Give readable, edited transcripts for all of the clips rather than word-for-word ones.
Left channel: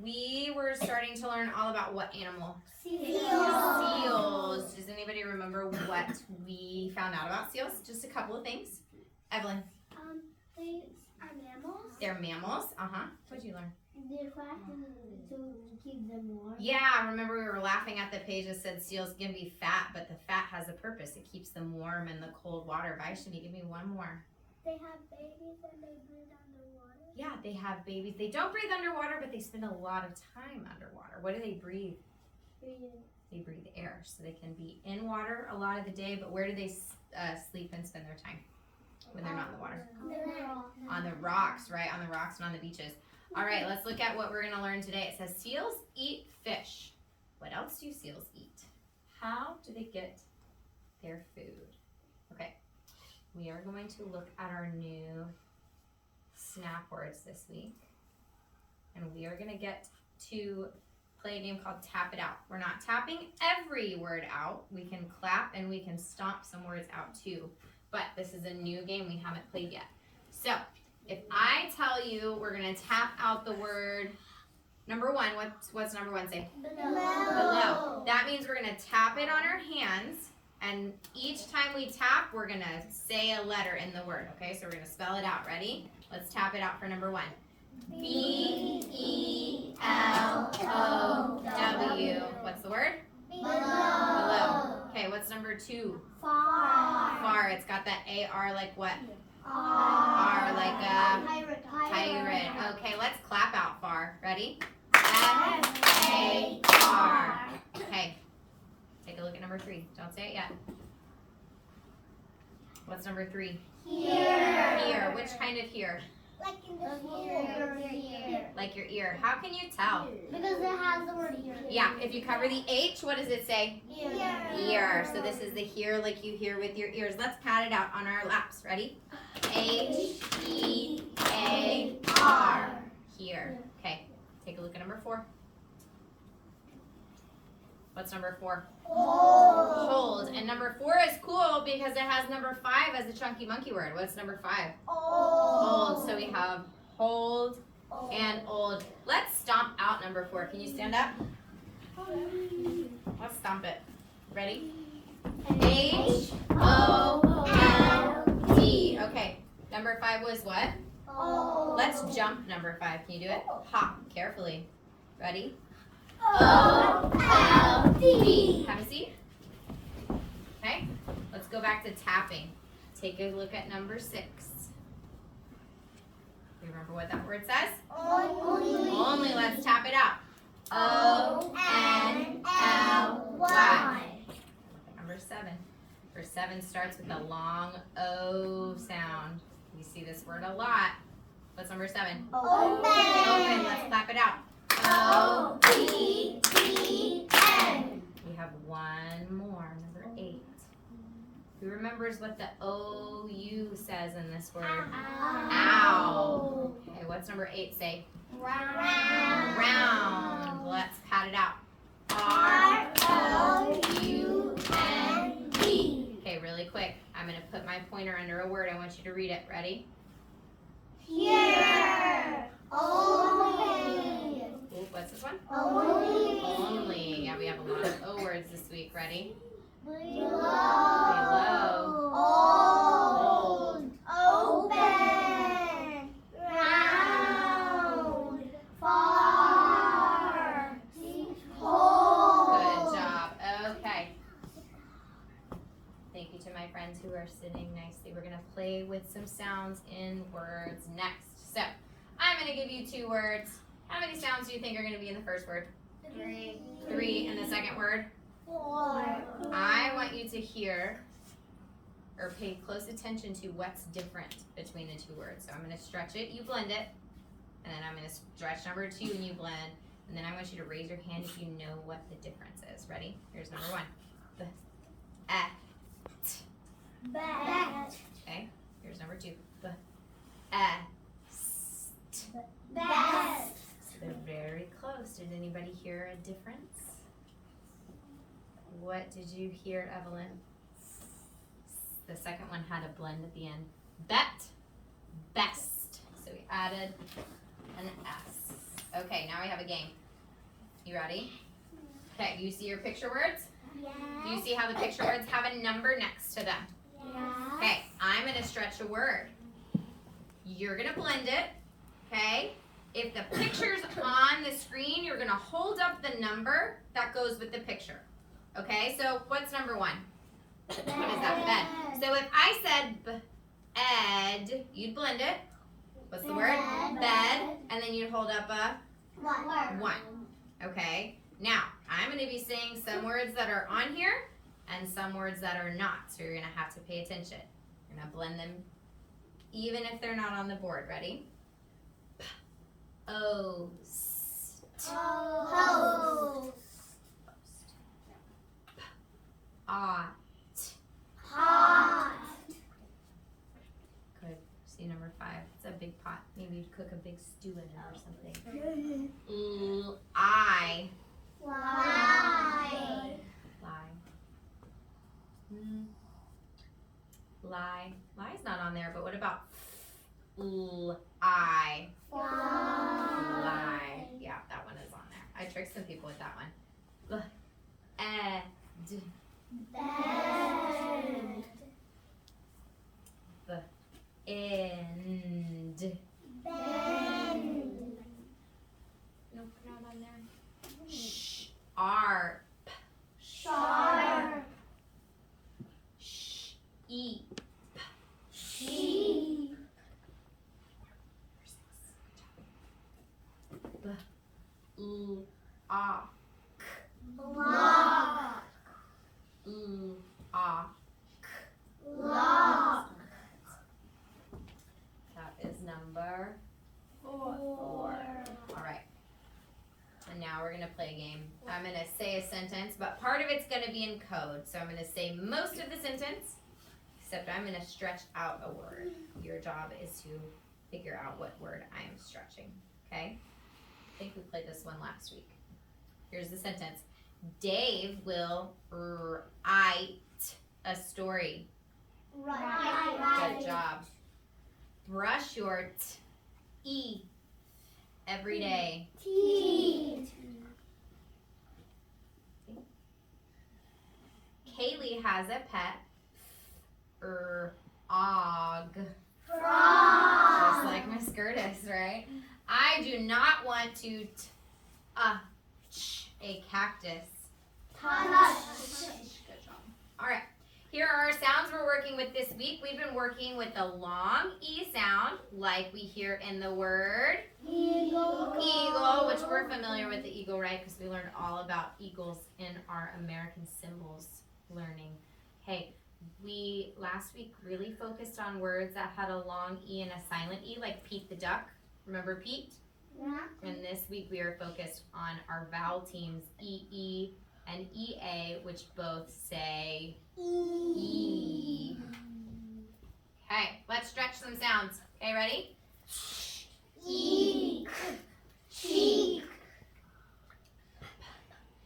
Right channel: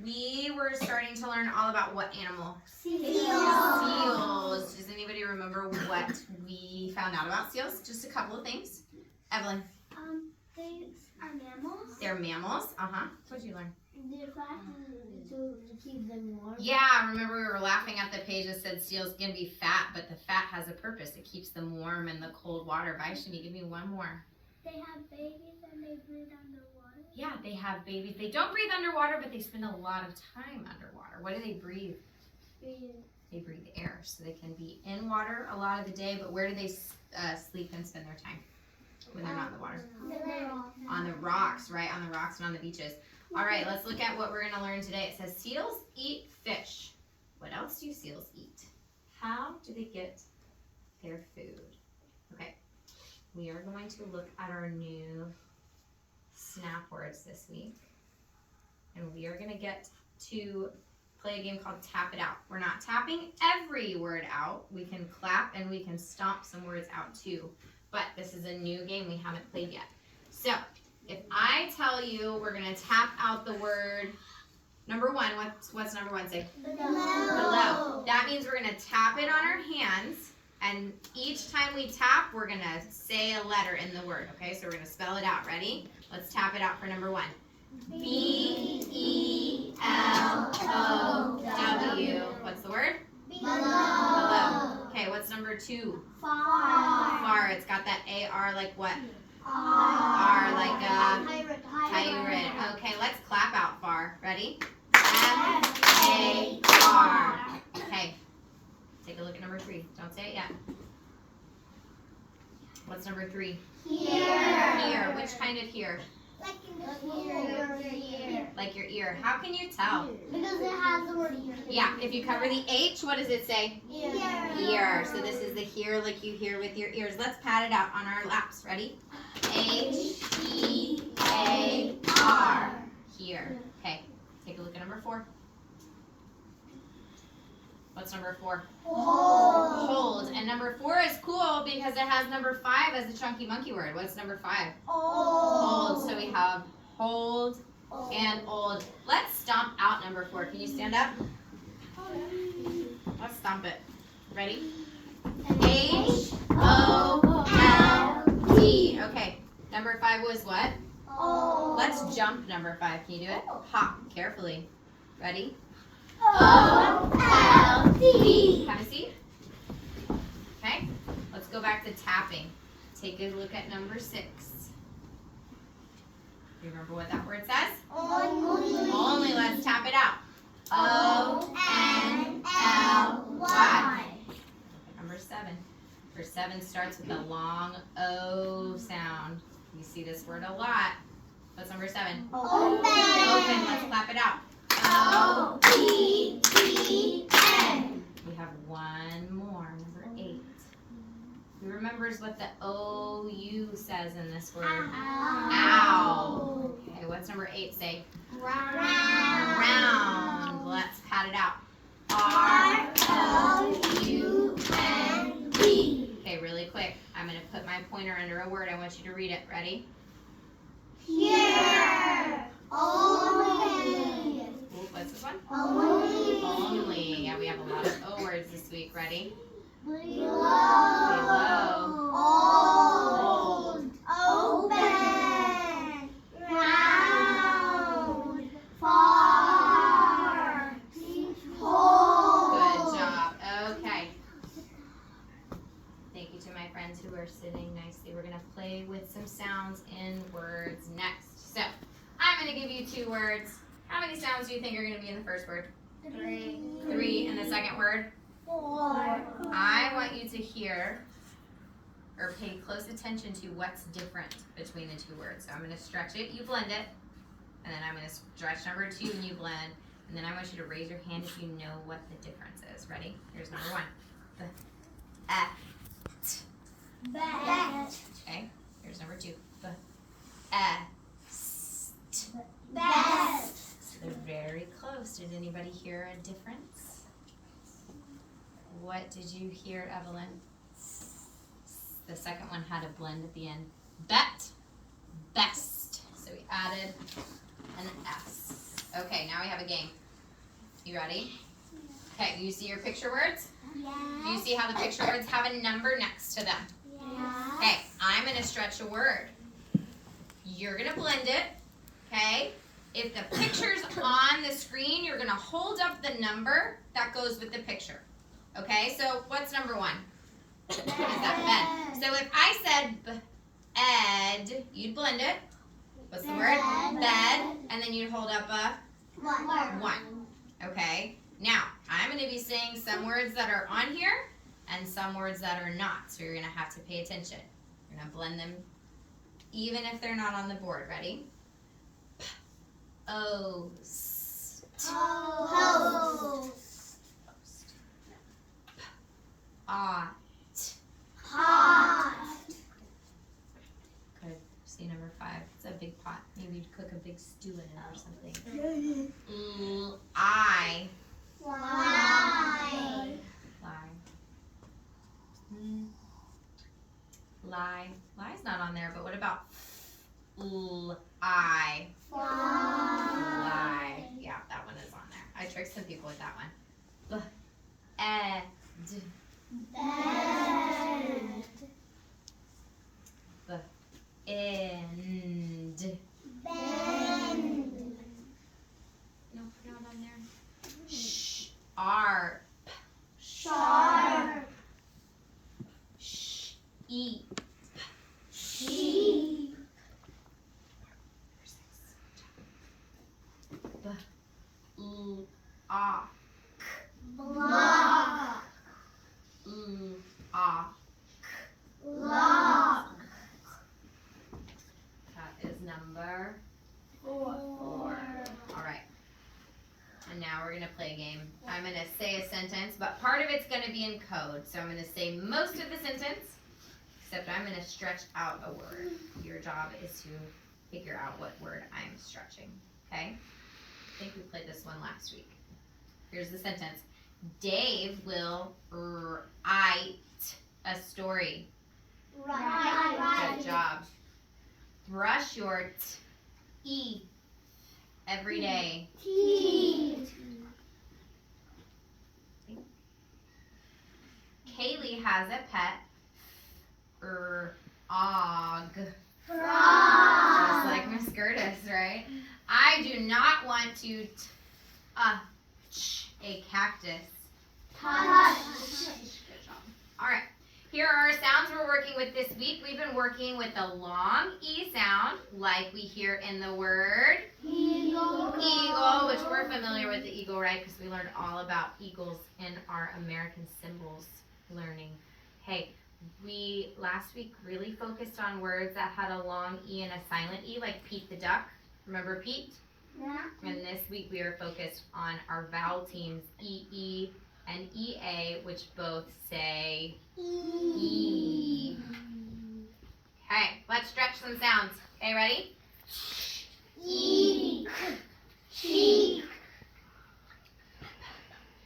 we were starting to learn all about what animal? Seals. Does anybody remember what we found out about seals? Just a couple of things. Evelyn. They are mammals. They're mammals. What did you learn? They're fat to keep them warm. Yeah, remember we were laughing at the page that said seals can be fat, but the fat has a purpose. It keeps them warm in the cold water. Vaishnavi, give me one more. They have babies and they breathe underwater. Yeah, they have babies. They don't breathe underwater, but they spend a lot of time underwater. What do they breathe? They breathe air, so they can be in water a lot of the day, but where do they sleep and spend their time when they're not in the water? On the rocks, right? On the rocks and on the beaches. All right, let's look at what we're going to learn today. It says seals eat fish. What else do seals eat? How do they get their food? Okay, we are going to look at our new snap words this week. And we are going to get to play a game called Tap It Out. We're not tapping every word out. We can clap and we can stomp some words out too. But this is a new game we haven't played yet. So, if I tell you we're going to tap out the word number one, what's number one say? Below. That means we're going to tap it on our hands, and each time we tap, we're going to say a letter in the word, okay? So we're going to spell it out. Ready? Let's tap it out for number one. B-E-L-O-W. What's the word? Below. Okay, what's number two? Far. It's got that A-R like what? R like a pirate. Okay, let's clap out far. Ready? F-A-R. Okay. Take a look at number three. Don't say it yet. What's number three? Here. Which kind of here? Like in the ear. Like your ear. How can you tell? Because it has the word ear. Yeah, if you cover the H, what does it say? Ear. So this is the here like you hear with your ears. Let's pat it out on our laps. Ready? H-E-A-R. Here. Okay. Take a look at number four. What's number four? Hold. And number four is cool because it has number five as a chunky monkey word. What's number five? Hold. So we have hold and old. Let's stomp out number four. Can you stand up? Let's stomp it. Ready? H-O-L-D. Okay. Number five was what? Let's jump number five. Can you do it? Hop carefully. Ready? O-L-D. Have a seat. Okay. Let's go back to tapping. Take a look at number six. You remember what that word says? Only. Let's tap it out. O-N-L-Y. Number seven. Number seven starts with a long O sound. You see this word a lot. What's number seven? Open. Let's clap it out. O-P-E-N. We have one more. Number eight. Who remembers what the O-U says in this word? Ow. Okay, what's number eight say? Round. Let's pat it out. R-O-U-N-D. Okay, really quick. I'm going to put my pointer under a word. I want you to read it. Ready? Here. Only. Ooh, what's this one? Only. Only. Yeah, we have a lot of O words this week. Ready? Below. Old. Open. Round. Far. Hold. Good job. Okay. Thank you to my friends who are sitting nicely. We're going to play with some sounds in words next. So, I'm going to give you two words. How many sounds do you think are going to be in the first word? 3. 3. And the second word? 4. I want you to hear or pay close attention to what's different between the two words. So I'm going to stretch it, you blend it, and then I'm going to stretch number 2 and you blend, and then I want you to raise your hand if you know what the difference is. Ready? Here's number 1. The Bet. Okay, here's number 2. The Best. They're very close. Did anybody hear a difference? What did you hear, Evelyn? The second one had a blend at the end. Bet, best. So we added an S. Okay, now we have a game. You ready? Okay, you see your picture words? Yes. Do you see how the picture words have a number next to them? Yes. Okay, I'm going to stretch a word. You're going to blend it, okay? If the picture's on the screen, you're going to hold up the number that goes with the picture. Okay, so what's number 1? What is that? Bed. So if I said bed, you'd blend it. What's the word? Bed. And then you'd hold up a 1. Okay, now I'm going to be saying some words that are on here and some words that are not. So you're going to have to pay attention. You're going to blend them even if they're not on the board. Ready? Post. Post. Pot. Pot. Good. See number 5. It's a big pot. Maybe you'd cook a big stew in it or something. I. Fly. Lie. Lie. Lie's not on there, but what about I? Lie. Yeah, that one is on there. I tricked some people with that one. Ed. Bed. End. Bend. Nope, not on there. Sharp. Sharp. Sheep. Sheep. Block. Block. Lock. That is number 4. All right. And now we're going to play a game. I'm going to say a sentence, but part of it's going to be in code. So I'm going to say most of the sentence, except I'm going to stretch out a word. Your job is to figure out what word I am stretching. Okay? I think we played this one last week. Here's the sentence. Dave will write a story. Right. Good job. Brush your teeth every day. Teeth. Kaylee has a pet. Og. Frog. Just like Miss Curtis, right? I do not want to touch a cactus. Touch. Good job. All right. Here are our sounds we're working with this week. We've been working with the long E sound, like we hear in the word eagle, which we're familiar with the eagle, right? Because we learned all about eagles in our American symbols learning. Hey, we last week really focused on words that had a long E and a silent E, like Pete the duck. Remember Pete? Yeah. And this week we are focused on our vowel teams, EE and EA, which both say E. Okay, let's stretch some sounds. Okay, ready? Eek. Cheek.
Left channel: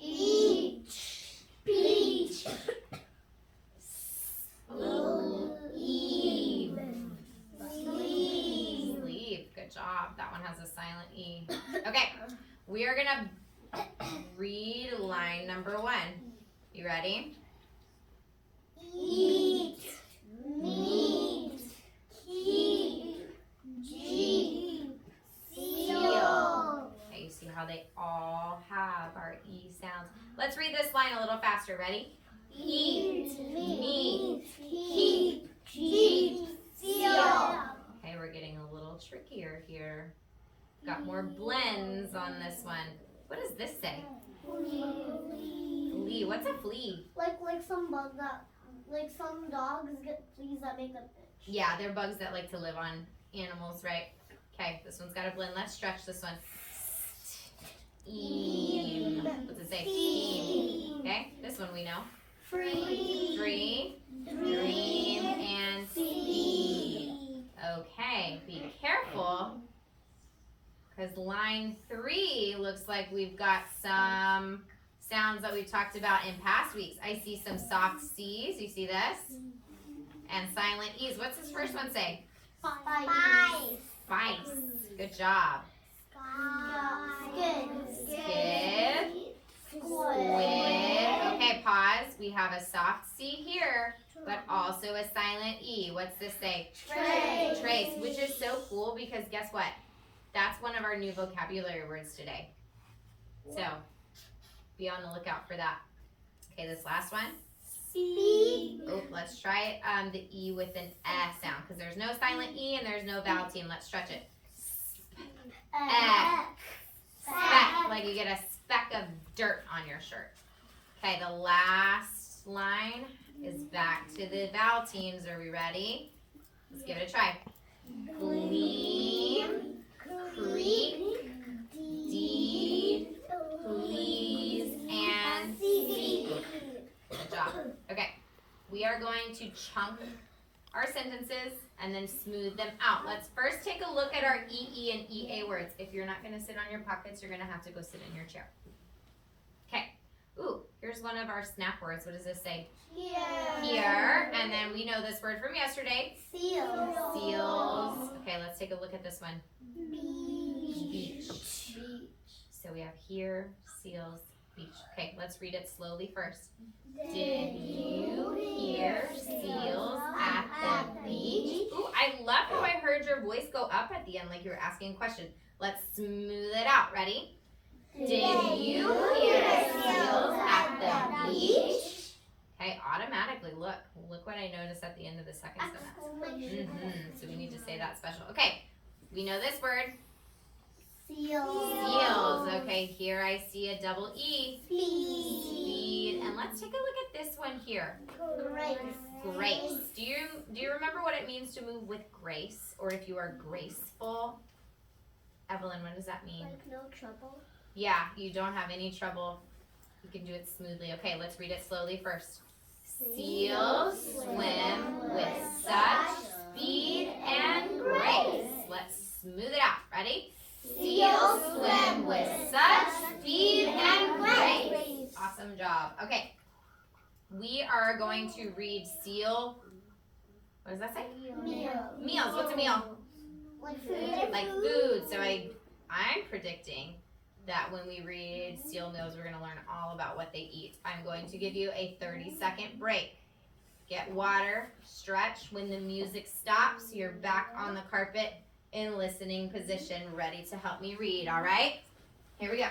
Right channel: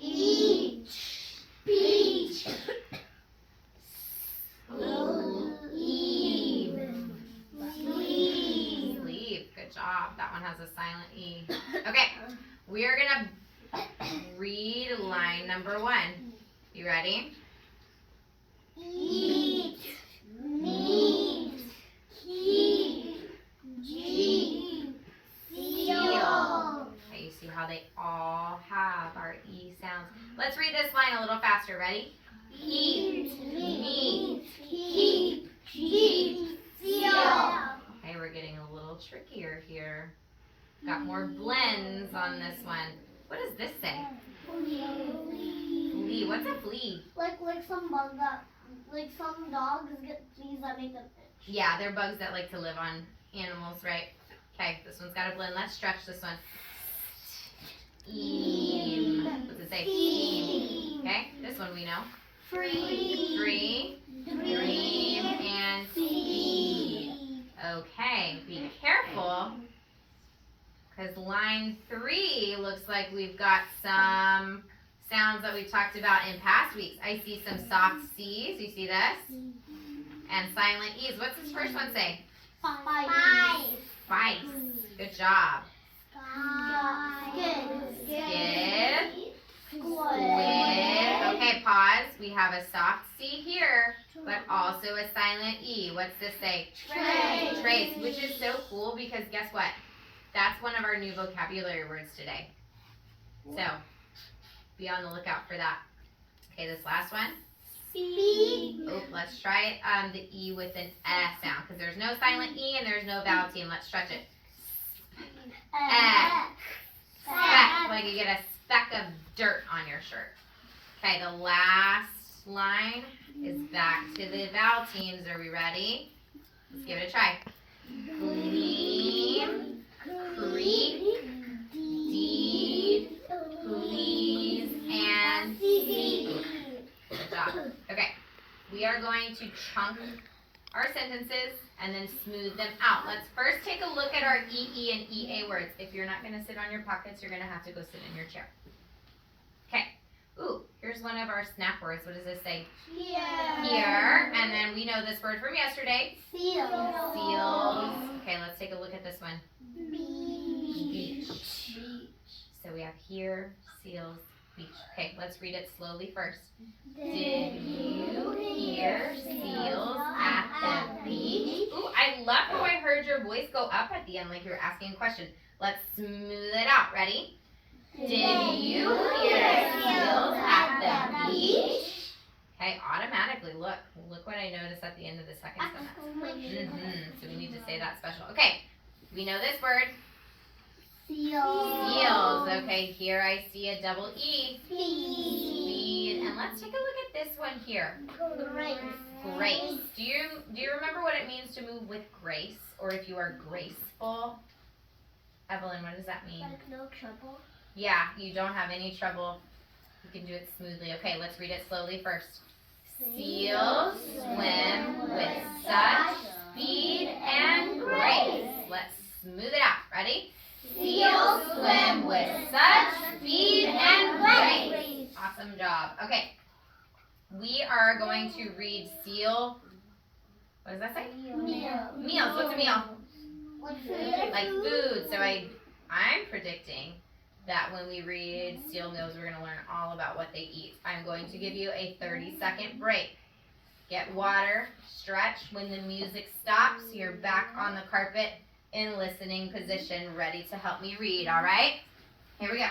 Eat. Peach. Sleeve. Sleeve. Good job. That one has a silent E. Okay, we are gonna read line number 1. You ready? Eat. Meat. Keep. Jeep. Seal. Okay, you see how they all have our E sounds. Let's read this line a little faster. Ready? Eat. Meat. Keep. Jeep. Seal. Okay, we're getting a little trickier here. Got more blends on this one. What does this say? Flea. What's a flea? Like some bug that, like some dogs get fleas that make them itch. Yeah, they're bugs that like to live on animals, right? Okay, this one's got a blend. Let's stretch this one. Steam. What's it say? Steam. Okay, this one we know. Free. Free, dream, and speed. Okay, be careful, because line 3 looks like we've got some sounds that we've talked about in past weeks. I see some soft C's. You see this? And silent E's. What's this first one say? Spice. Spice. Good job. Skid. Squid. Okay, pause. We have a soft C here, but also a silent E. What's this say? Trace. Trace, which is so cool because guess what? That's one of our new vocabulary words today. So, be on the lookout for that. Okay, this last one. Oh, let's try it. The E with an S sound because there's no silent E and there's no vowel team. Let's stretch it. Speck, like you get a speck of dirt on your shirt. Okay, the last line is back to the vowel teams. Are we ready? Let's give it a try. Gleam, creep, deed, please, and seek. Good job. Okay, we are going to chunk our sentences and then smooth them out. Let's first take a look at our EE and EA words. If you're not going to sit on your pockets, you're going to have to go sit in your chair. Okay. Ooh, here's one of our snap words. What does this say? Here. And then we know this word from yesterday. Seals. Okay, let's take a look at this one. Beach. So we have here, seals, beach. Okay, let's read it slowly first. Did you hear seals at the beach? Ooh, I love how I heard your voice go up at the end like you were asking a question. Let's smooth it out. Ready? Did you hear seals at the beach? Okay, automatically, look what I noticed at the end of the second sentence. So we need to say that special. Okay, we know this word. Seals. Okay, here I see a double E. Speed. And let's take a look at this one here. Grace. Do you remember what it means to move with grace, or if you are graceful? Evelyn, what does that mean? Like no trouble. Yeah, you don't have any trouble. You can do it smoothly. Okay, let's read it slowly first. Seals swim with such speed and grace. Let's smooth it out. Ready? Seals swim with such speed and grace. Awesome job. Okay, we are going to read seal. What does that say? Meals. What's a meal? Like food. So I'm predicting that when we read seal meals, we're going to learn all about what they eat. I'm going to give you a 30-second break. Get water, stretch. When the music stops, you're back on the carpet in listening position, ready to help me read, all right? Here we go.